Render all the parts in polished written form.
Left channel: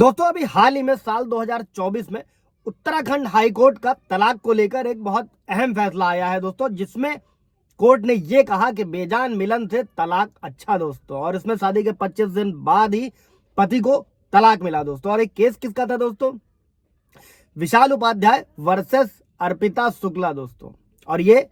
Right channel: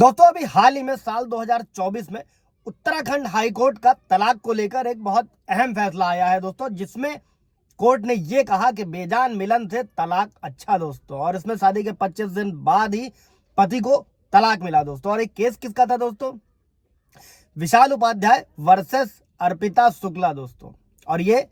दोस्तों अभी हाल ही में साल 2024 में उत्तराखंड हाई कोर्ट का तलाक को लेकर एक बहुत अहम फैसला आया है दोस्तों, जिसमें कोर्ट ने ये कहा कि बेजान मिलन से तलाक अच्छा दोस्तों। और इसमें शादी के 25 दिन बाद ही पति को तलाक मिला दोस्तों। और एक केस किसका था दोस्तों? विशाल उपाध्याय वर्सेस अर्पिता शुक्ला दोस्तों। और ये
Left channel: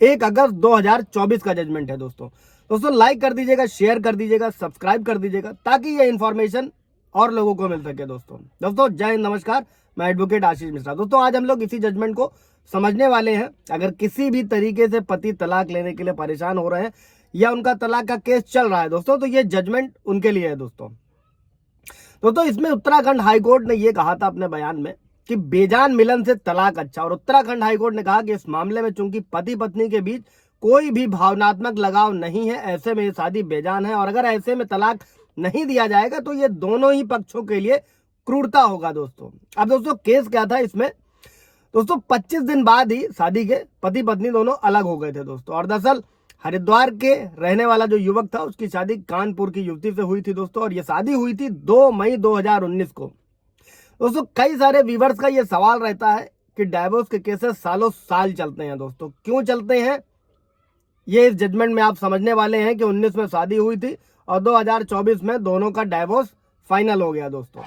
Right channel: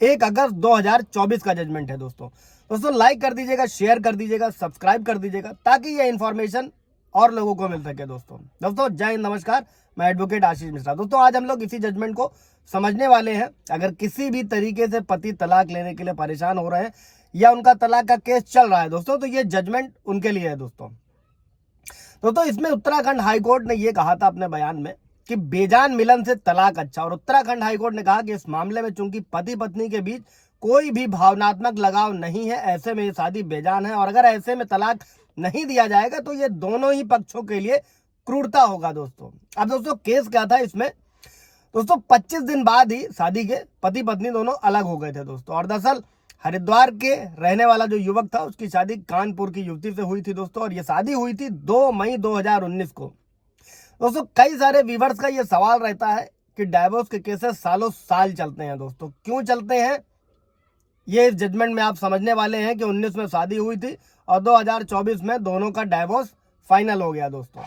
1 अगस्त 2024 का जजमेंट है दोस्तों। लाइक कर दीजिएगा, शेयर कर दीजिएगा, सब्सक्राइब कर दीजिएगा ताकि ये इंफॉर्मेशन और लोगों को मिल सके दोस्तों। जय हिंद, नमस्कार। मैं एडवोकेट आशीष मिश्रा। दोस्तों आज हम लोग इसी जजमेंट को समझने वाले हैं। अगर किसी भी तरीके से पति तलाक लेने के लिए परेशान हो रहे हैं या उनका तलाक का केस चल रहा है दोस्तों, तो ये जजमेंट उनके लिए है दोस्तों। इसमें उत्तराखंड हाईकोर्ट ने यह कहा था अपने बयान में कि बेजान मिलन से तलाक अच्छा। और उत्तराखंड हाईकोर्ट ने कहा कि इस मामले में चूंकि पति पत्नी के बीच कोई भी भावनात्मक लगाव नहीं है, ऐसे में ये शादी बेजान है। और अगर ऐसे में तलाक नहीं दिया जाएगा तो ये दोनों ही पक्षों के लिए क्रूरता होगा दोस्तों। अब दोस्तों केस क्या था इसमें? दोस्तों 25 दिन बाद ही शादी के पति पत्नी दोनों अलग हो गए थे दोस्तों। और दरअसल हरिद्वार के रहने वाला जो युवक था उसकी शादी कानपुर की युवती से हुई थी दोस्तों। और ये शादी हुई थी 2 मई 2019 को दोस्तों। कई सारे व्यूअर्स का ये सवाल रहता है कि डाइवोर्स के केसेस सालों साल चलते हैं दोस्तों। क्यों चलते हैं ये इस जजमेंट में आप समझने वाले हैं कि 19 में शादी हुई थी और 2024 में दोनों का डाइवोर्स फाइनल हो गया दोस्तों।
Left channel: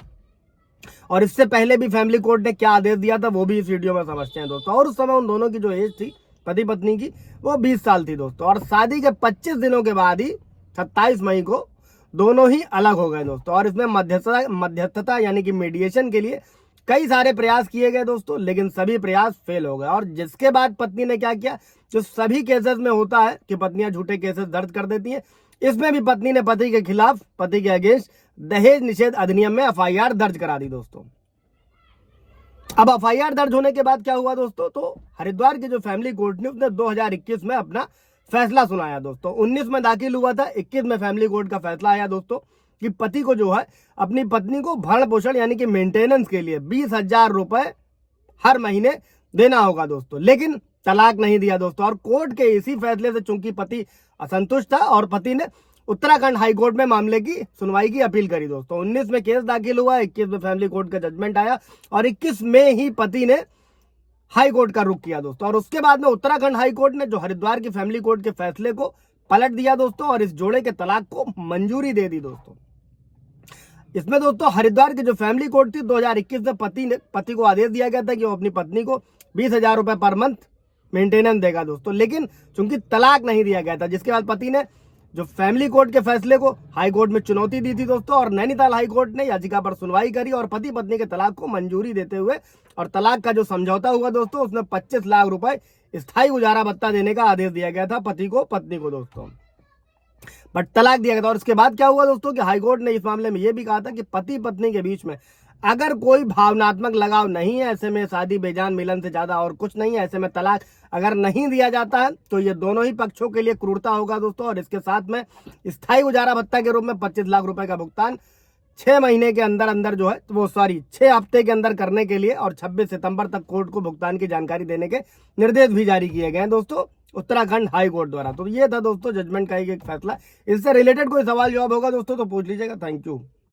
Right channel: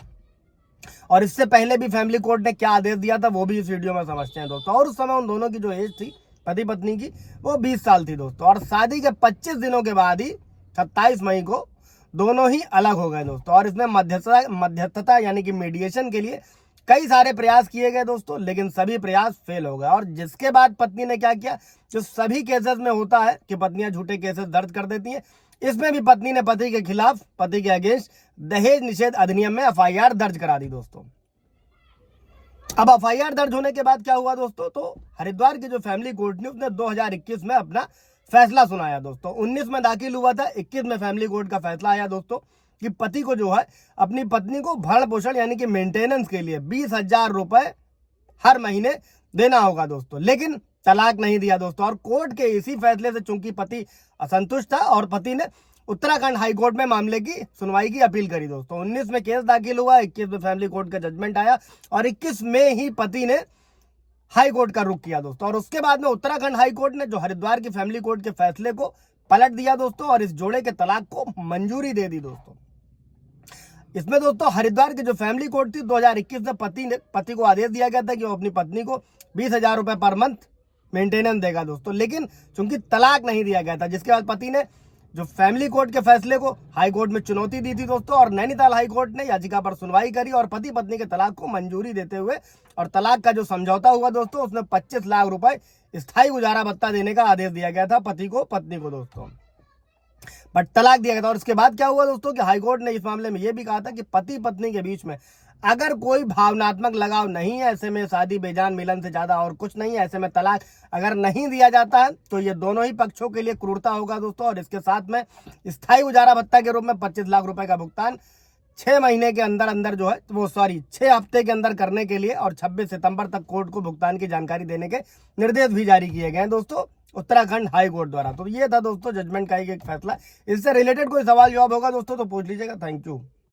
और इससे पहले भी फैमिली कोर्ट ने क्या आदेश दिया था वो भी इस वीडियो में समझते हैं दोस्तों। और उस समय उन दोनों की जो एज थी पति पत्नी की वो 20 साल थी दोस्तों। और शादी के 25 दिनों के बाद ही 27 मई को दोनों ही अलग हो गए दोस्तों। और इसमें मध्यस्थता यानी कि मीडिएशन के लिए कई सारे प्रयास किए गए दोस्तों, लेकिन सभी प्रयास फेल हो गए। और जिसके बाद पत्नी ने क्या किया, जो सभी केसेस में होता है कि पत्नियां झूठे केसेस दर्ज कर देती हैं, इसमें भी पत्नी ने पति के खिलाफ, पति के अगेंस्ट दहेज निषेध अधिनियम में एफआईआर दर्ज करा दी दोस्तों। अब एफआईआर दर्ज होने के बाद क्या हुआ दोस्तों? तो हरिद्वार की जो फैमिली कोर्ट ने उसने 2021 में अपना फैसला सुनाया दोस्तों। 19 में दाखिल हुआ था, 21 में फैमिली कोर्ट का फैसला आया दोस्तों कि पति को जो है अपनी पत्नी को भरण पोषण यानी कि मेंटेनेंस के लिए 20,000 रुपए हर महीने देना होगा दोस्तों। लेकिन तलाक नहीं दिया दोस्तों। और कोर्ट के इसी फैसले से चूंकि पति असंतुष्ट था और पति ने उत्तराखंड हाईकोर्ट में मामले की सुनवाई की अपील करी दोस्तों। 19 में केस दाखिल हुआ, 21 में फैमिली कोर्ट का जजमेंट आया और 21 में ही पति ने हाई कोर्ट का रुख किया दोस्तों। और उसके बाद में उत्तराखंड हाई कोर्ट ने जो हरिद्वार की फैमिली कोर्ट के फैसले को पलट दिया दोस्तों और इस जोड़े के तलाक को मंजूरी दे दी दोस्तों। इसमें दोस्तों हरिद्वार की जो फैमिली कोर्ट थी 2021 में पति को आदेश दिया गया था कि वो अपनी पत्नी को 20,000 रुपए पर मंथ मेंटेनेंस देगा दोस्तों। लेकिन चूंकि तलाक नहीं दिया गया था, जिसके बाद पति ने जो फैमिली कोर्ट के फैसले को हाई कोर्ट में चुनौती दी थी दोस्तों। और नैनीताल हाई कोर्ट ने याचिका पर सुनवाई करी और पति पत्नी के तलाक को मंजूरी देते हुए और तलाक का जो समझौता हुआ दोस्तों उसमें 25 लाख रुपए स्थायी गुजारा भत्ता देने का आदेश दिया गया था पति को पत्नी को दोस्तों। बट तलाक दिया गया था। और इसके बाद क्या हुआ दोस्तों कि हाईकोर्ट ने इस मामले में यह भी कहा था कि पति पत्नी के बीच में अगर कोई भावनात्मक लगाव नहीं है, ऐसे में शादी बेजान मिलन से ज्यादा और कुछ नहीं है, ऐसे में तलाक अगर नहीं दिया जाता है तो ये दोनों ही पक्षों के लिए क्रूरता होगा दोस्तों। और इसके साथ में स्थायी गुजारा भत्ता के रूप में 25 लाख रुपए का भुगतान 6 महीने के अंदर जो है वो 6 हफ्ते के अंदर करने के लिए और 26 सितंबर तक कोर्ट को भुगतान की जानकारी देने के निर्देश भी जारी किए गए हैं दोस्तों उत्तराखंड हाई कोर्ट द्वारा। तो ये था दोस्तों जजमेंट का एक फैसला। इससे रिलेटेड कोई सवाल जवाब होगा दोस्तों तो पूछ लीजिएगा। Thank you.